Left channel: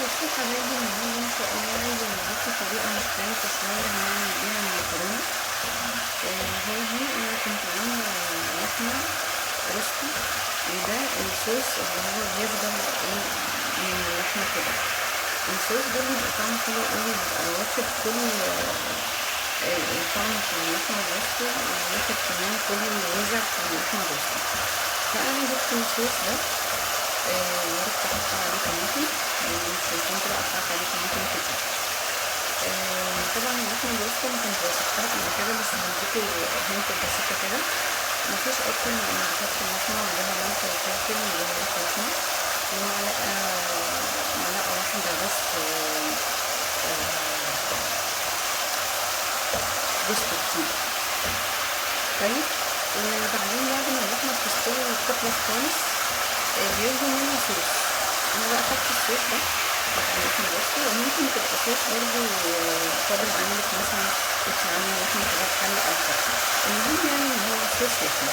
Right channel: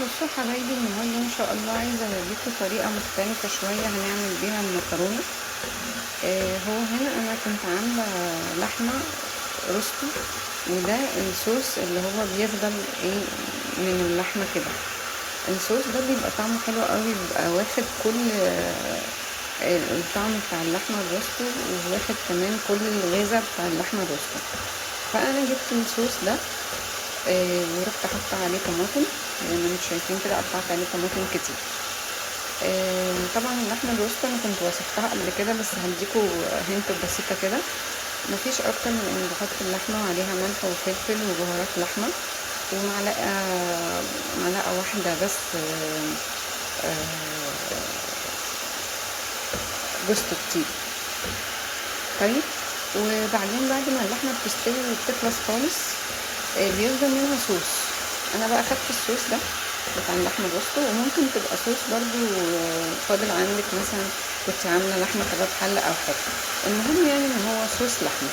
بصوا حبايبي، النهارده ان شاء الله عايزه اوريكم طريقه مختلفه شويه هنعمل بيها المكرونه. هو هنا انا كنت عامله لحمه روستي، وده الصوص اللي هو بيفضل ايه من اللحمه كده. الصوص ده بيبقى طعمه حلو قوي، بيبقى واخد كل الطعم بتاع اللحمه الروستي، وواخد كمان كل الغذاء بتاع اللحمه الروستي. فانا جبت الصوص ده ورحت حاطه عليه طماطم زي ما انتم شايفين كده، قطعت عليه طماطم كتير. طبعا اللحمه الروسته انا كنت وصفتها قبل كده، بس هديكوا هنت بسيطه كده. مفيش اكتر من ان بحط اللحمه وعليها ملح وفلفل وبهارات لحمه، معلقه واحده بس جوز الطيب. طيب، وبعدين بعد ما اللحمه بتستوي وبتخلص خالص بيفضل منها صوص. انا بقى خدت الصوص ده بتاع اللحمه الروستي، وممكن تبقى صوص برضو فاضل عندك، مثلا كنت عامله لحمه كباب حله او حاجه. المهم يعني ان هو صوص لحمه،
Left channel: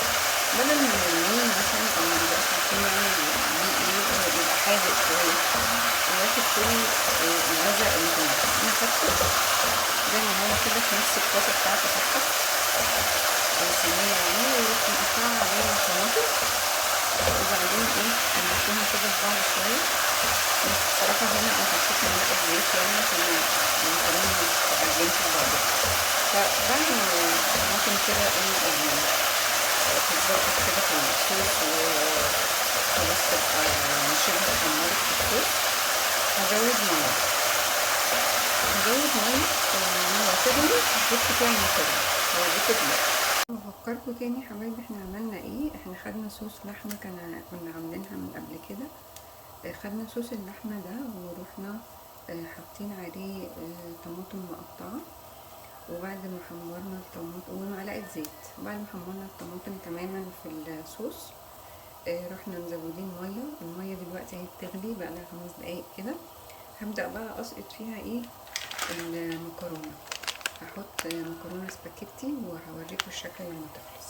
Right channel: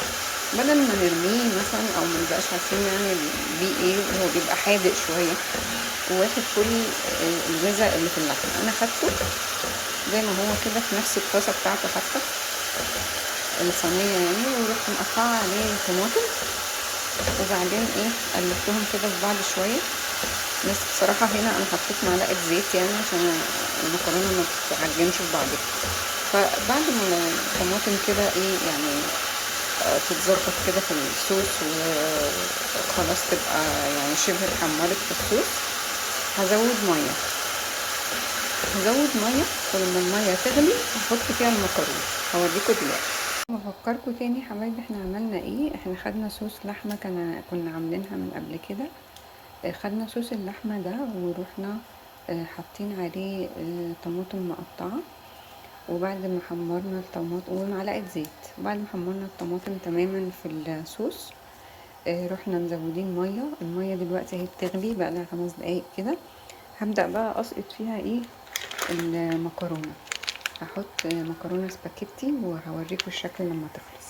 بدل ما نرميه مثلا او منبقاش عارفين نعمل بيه ايه. هو بيبقى حادق شويه وواخد كل الغذاء اللي في اللحمه. انا خدته زي ما هو كده في نفس الطاسه بتاعته حتى الصينيه يعني، ورحت مقطعه عليه طماطم، وبعدين ايه قلبتهم كده في بعض شويه. بس بصراحة هنا انا حطيت معلقة زيت يعني عشان المكرونة ما تتعجنش في بعضها. فبعد ما الطماطم كده ايه يعني تتظبط كده في الصوص وخلاص تبقى يعني شبه اتحمرت في الصوص، هزود مية ولما المية تغلي هحط فيها المكرونة. هوريكوا دلوقتي. بفكركوا تاني حبايبي، احنا عملنا ايه. احنا خدنا صوص لحمة كنا عاملينها من قبل كده. خدنا صوص اللحمة ده ورحنا حاطين عليه طماطم مقطعة، وبعد ما حمرنا الطماطم ومعلقة زيت، وبعد ما حمرنا الطماطم تماما في الصوص رحنا مزودين مية. المية دلوقتي اهي بتغلي بقى لها 5 دقايق كده. هبدأ بقى اسقط فيها ايه المكرونة. هحط مكرونة سباكيتي وهوريكم الشكل لما تخلص.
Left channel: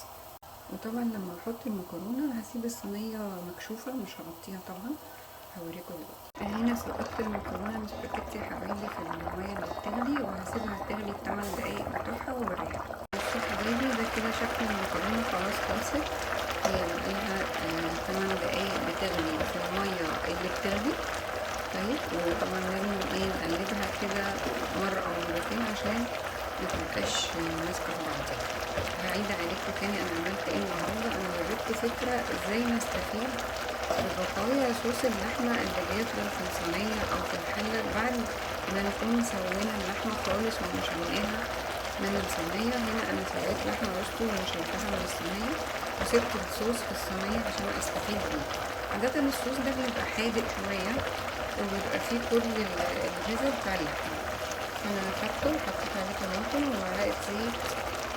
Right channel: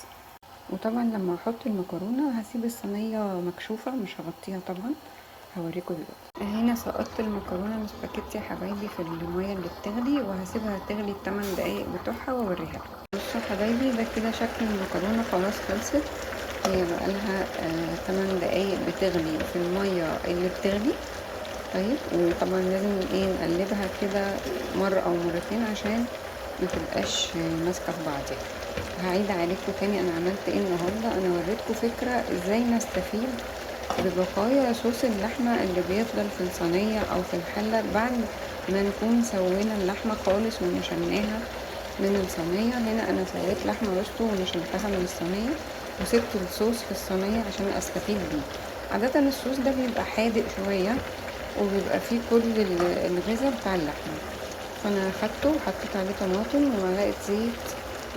وطبعا لما احط المكرونة هسيب الصينية مكشوفة، مش هغطيها طبعا. هوريكم دلوقتي. هنا سقطت المكرونه السباكيتي يا حبايبي في الميه اللي بتغلي، وهسيبها تغلي 8 دقايق بتوعها واوريها. بصوا حبايبي، ده كده شكل المكرونه خلاص خلصت. هي بقالها 8 دقايق بتغلي في الميه اللي بتغلي. طيب، وطبعا لازم ايه نقلبها كده مره او مرتين عشان ما تبقاش ماسكه في بعضها. هعيد عليكم تاني انا عملت ايه النهارده. انا وريتكم فكره ازاي نستفيد ببقايا صوص اللحمه اللي بيفضل في الصينيه او في الحله بعد ما نكون سوينا اللحمه خالص ونشلناها من الصينيه. هنا انا سويت لحمه روستو ونشلتها من الصينيه، وسبت الصوص في الصينيه عشان استفيد بيه. عاده الصوص ده بيبقى حادق شويه وبيبقى فيه كل الغذاء بتاع اللحمه. فانا خدته وحطيت عليه طماطم ومعلقه زيت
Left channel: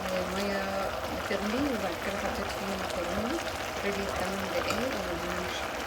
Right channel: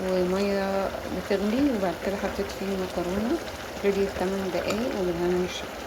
وميه بتغلي، وبعد كده حطيت فيه المكرونه. غليت 8 دقايق وبالهنا والشفا.